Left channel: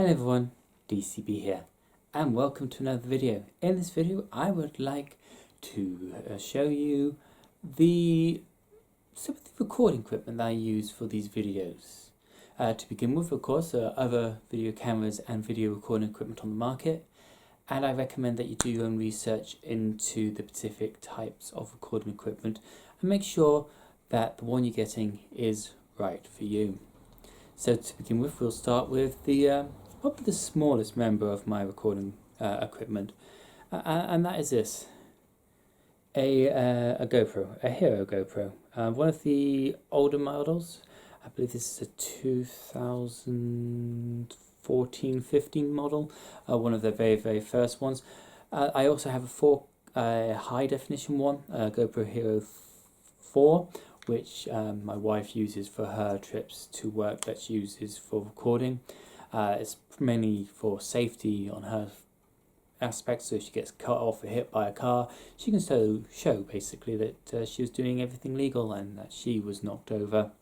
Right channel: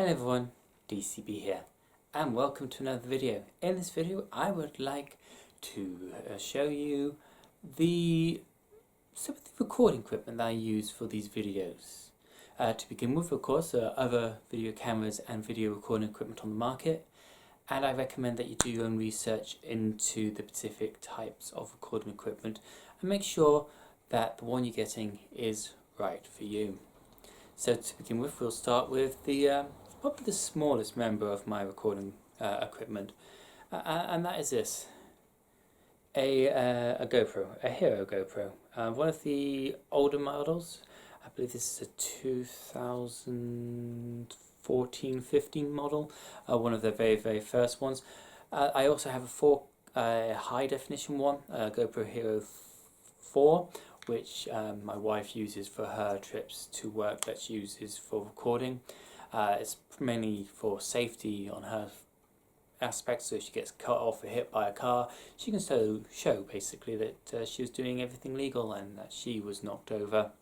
Hello everyone, DCB here, and welcome to another video. In this video I would like to show you some of the recording equipment that I use for these videos. To begin with, of course, there are other video cameras and video recording equipment on the market, and I recommend that you do your own research into the specific types of recording equipment and make sure that the one you're getting is right for you. So to begin with, we'll start with probably the smallest member of my recording equipment, and that is this, a GoPro, a Hero GoPro, one of the older models. I believe this is a 2014-15 model, one of the very first ones. I also have a high definition one, GoPro Hero 4, which my wife uses for her trips to work, that she uses for recording. It's mainly for safety on her aspect, so if she gets cut off or hit by a car, she can still show basically that she was doing everything legal and that she was knocked over.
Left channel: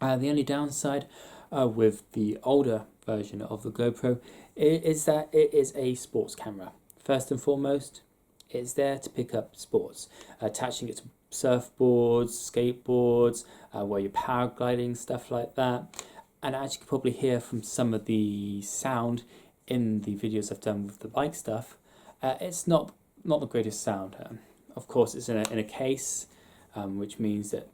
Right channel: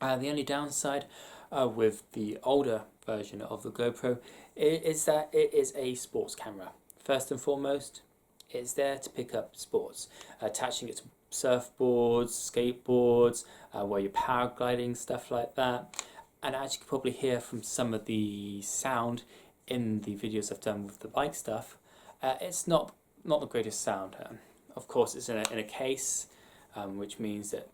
The only downside with the older version of the GoPro is that it is a sports camera. First and foremost, it's there to pick up sports, attaching it to surfboards, skateboards, where you're paragliding, stuff like that. And as you can probably hear from some of the sound in the videos I've done with the bike stuff, it's not the greatest sound. Of course, it's in a case, which means that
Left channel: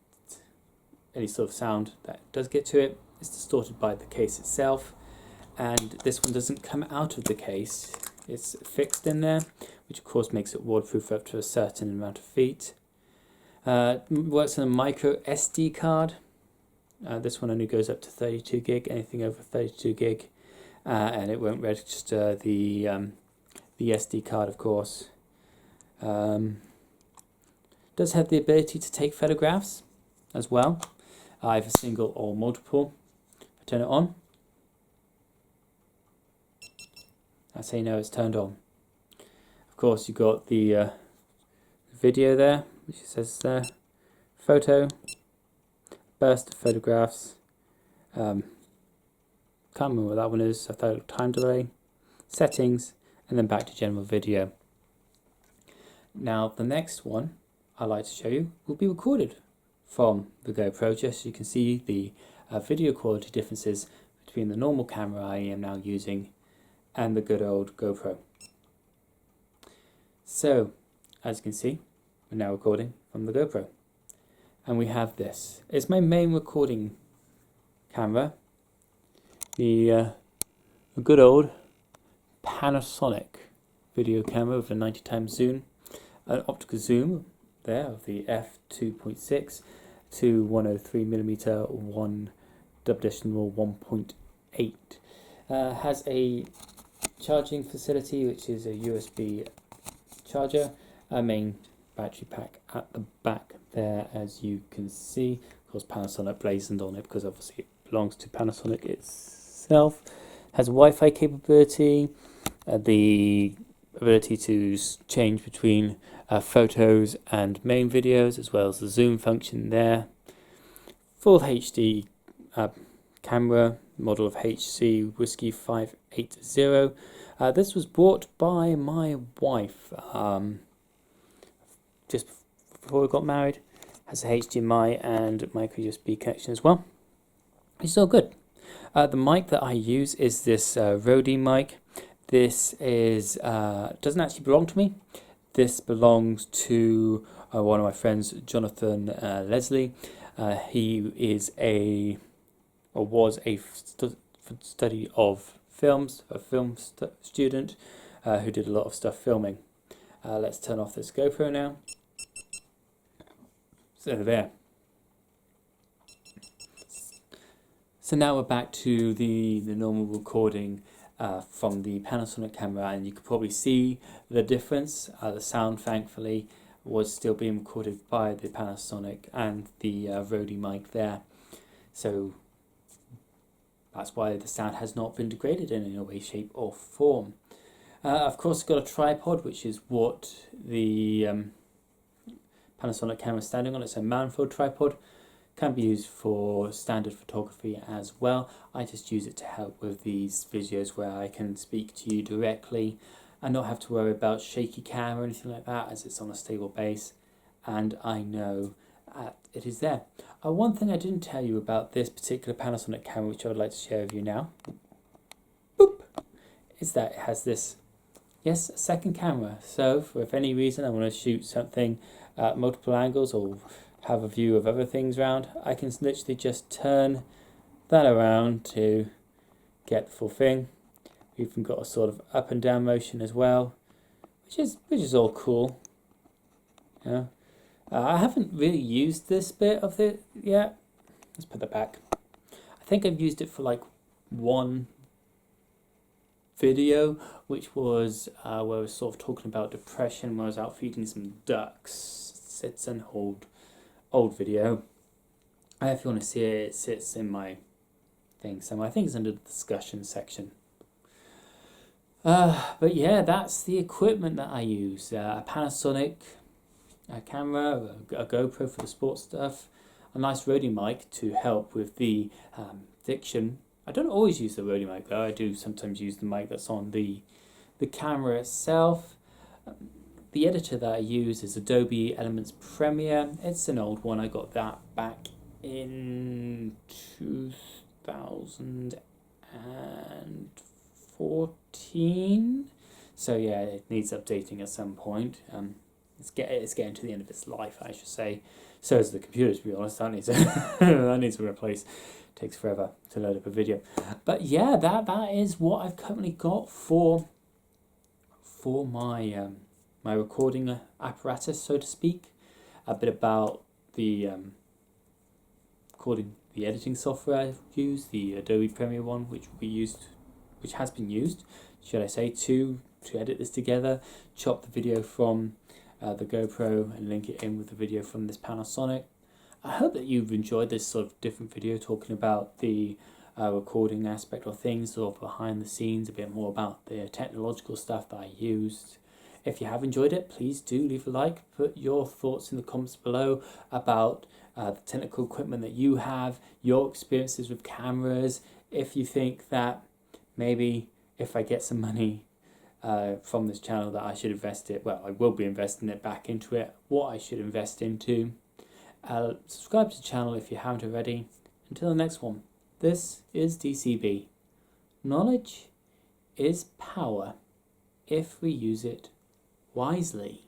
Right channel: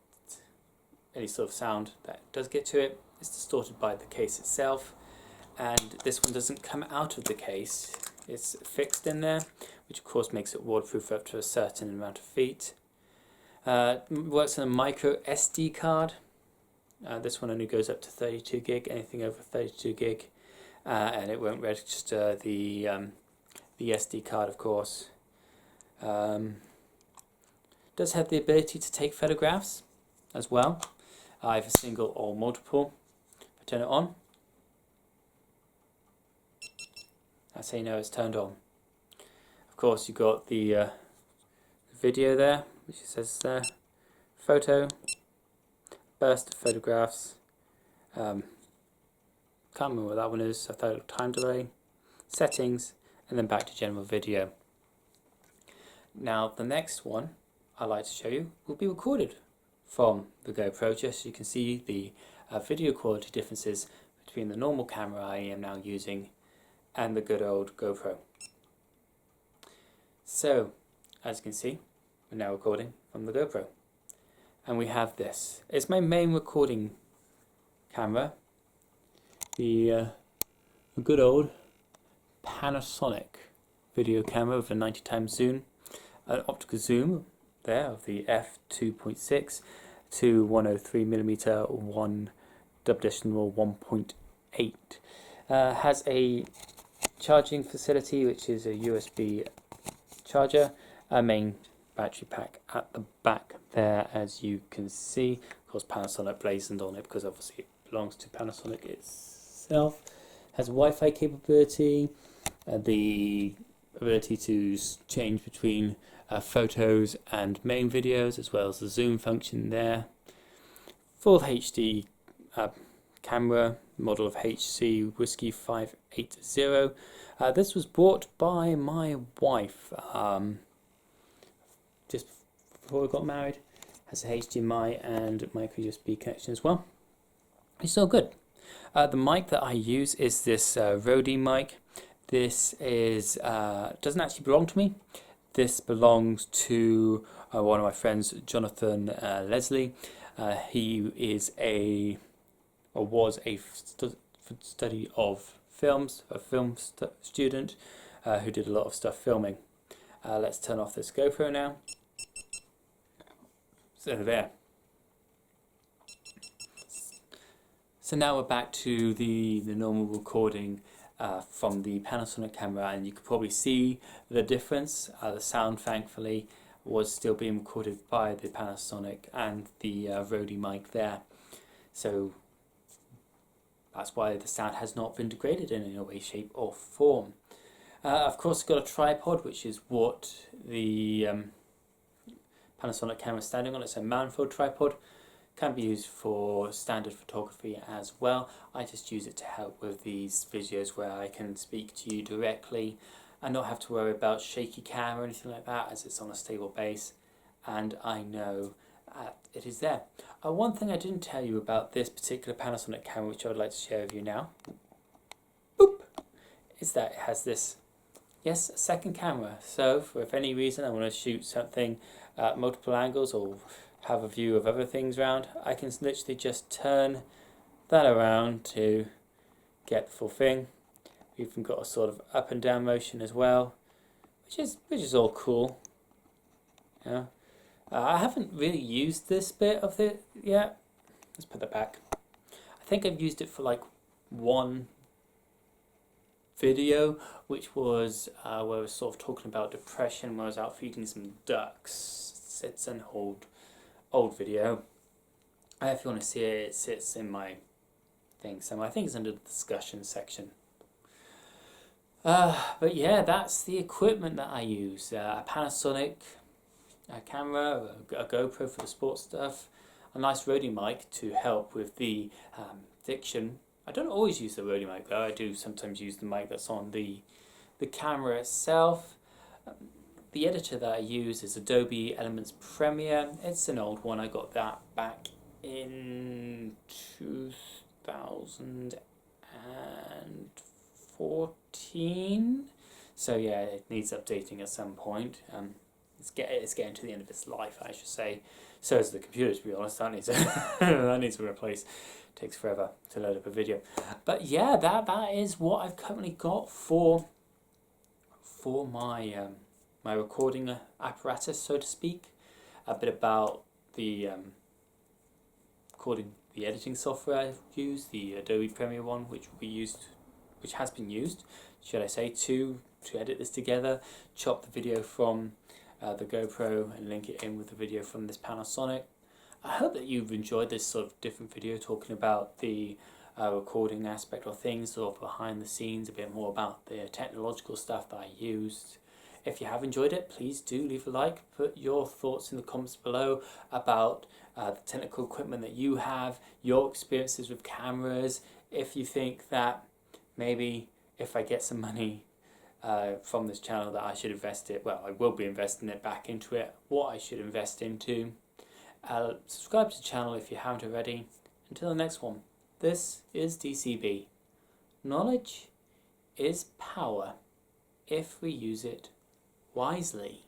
any sort of sound that does get to it is distorted by the case itself. And this one doesn't come out of the case, it's fixed in there, which of course makes it waterproof up to a certain amount of feet. Works on a micro SD card. This one only goes up to 32 gig, anything over 32 gig, and it won't register the SD card, of course. Does have the ability to take photographs as well, either single or multiple. If I turn it on, that's how you know it's turned on. Of course, you've got the video there, which says photo, burst of photographs. Can't remember what that one is. I thought it was time delay, settings, and then back to general video. Now the next one I'd like to show you will be recorded from the GoPro, just so you can see the video quality differences between the normal camera I am now using and the good old GoPro. So, as you can see, we're now recording from the GoPro. And we have this. It's my main recording camera. The good old Panasonic video camera with a 90x zoom. An optical zoom there of the f2.6 to 103mm 1.8. Has a charging facility, which is a USB charger, a main battery pack at the back there, as you can see. Of course, Panasonic blazoned on it because obviously it belongs to Panasonic itself. Has Wi-Fi capability, the ability to change between photos and main videos, as well as the zoom function there. Full HD camera, model of HC Whiskey 580. This was bought by my wife just before we got married. Has a HDMI and micro USB connection as well. It's all good. The mic that I use is this Rode mic. This is doesn't actually belong to me. This belongs to one of my friends, Jonathan Leslie. He is was a study of films, a film student who did a lot of stuff filming. Let's turn off this GoPro now. So there. So now we're back to the normal recording from the Panasonic camera, and you can probably see the difference. The sound, thankfully, was still being recorded by the Panasonic and the Rode mic there. So that's why the sound has not been degraded in any way, shape or form. Of course, I've got a tripod, which is what the Panasonic camera is standing on. It's a Manfrotto tripod. Can be used for standard photography as well. I just use it to help with these videos where I can speak to you directly and not have to worry about shaky cam or anything like that, as it's on a stable base and I know it is there. One thing I didn't tell you about this particular Panasonic camera, which I would like to share with you now, boop, is that it has this, yes, a second camera. So for if any reason I want to shoot something at multiple angles or have a view of other things around, I can literally just turn that around to get the full thing. We've even got a sort of up and down motion as well, which is all cool. Yeah. I haven't really used this bit of it yet. Let's put that back. I think I've used it for like one video, which was where I was sort of talking about depression when I was out feeding some ducks. It's an old video. If you want to see it, it sits in my thing somewhere. I think it's under the discussion section. But yeah, that's the equipment that I use. A Panasonic camera, a GoPro for the sports stuff, a nice Rode mic to help with the diction. I don't always use the Rode mic though. I do sometimes use the mic that's on the camera itself. The editor that I use is Adobe Elements Premiere. It's an old one. I got that back in 2014. So yeah, it needs updating at some point. It's getting to the end of its life, I should say. So is the computer, to be honest. That needs that needs to replace. It takes forever to load up a video. But yeah, that is what I've currently got for my my recording apparatus, so to speak. A bit about the the editing software I use, the Adobe Premiere one, which has been used, should I say, to edit this together, chop the video from the GoPro and link it in with the video from this Panasonic. I hope that you've enjoyed this sort of different video talking about the recording aspect of things, sort of behind the scenes, a bit more about the technological stuff that I used. If you have enjoyed it, please do leave a like. Put your thoughts in the comments below about the technical equipment that you have, your experiences with cameras. If you think that maybe if I get some money from this channel that I should invest it, well, I will be investing it back into it, what I should invest into. Subscribe to the channel if you haven't already. Until the next one, this is DCB. Knowledge is power if we use it wisely.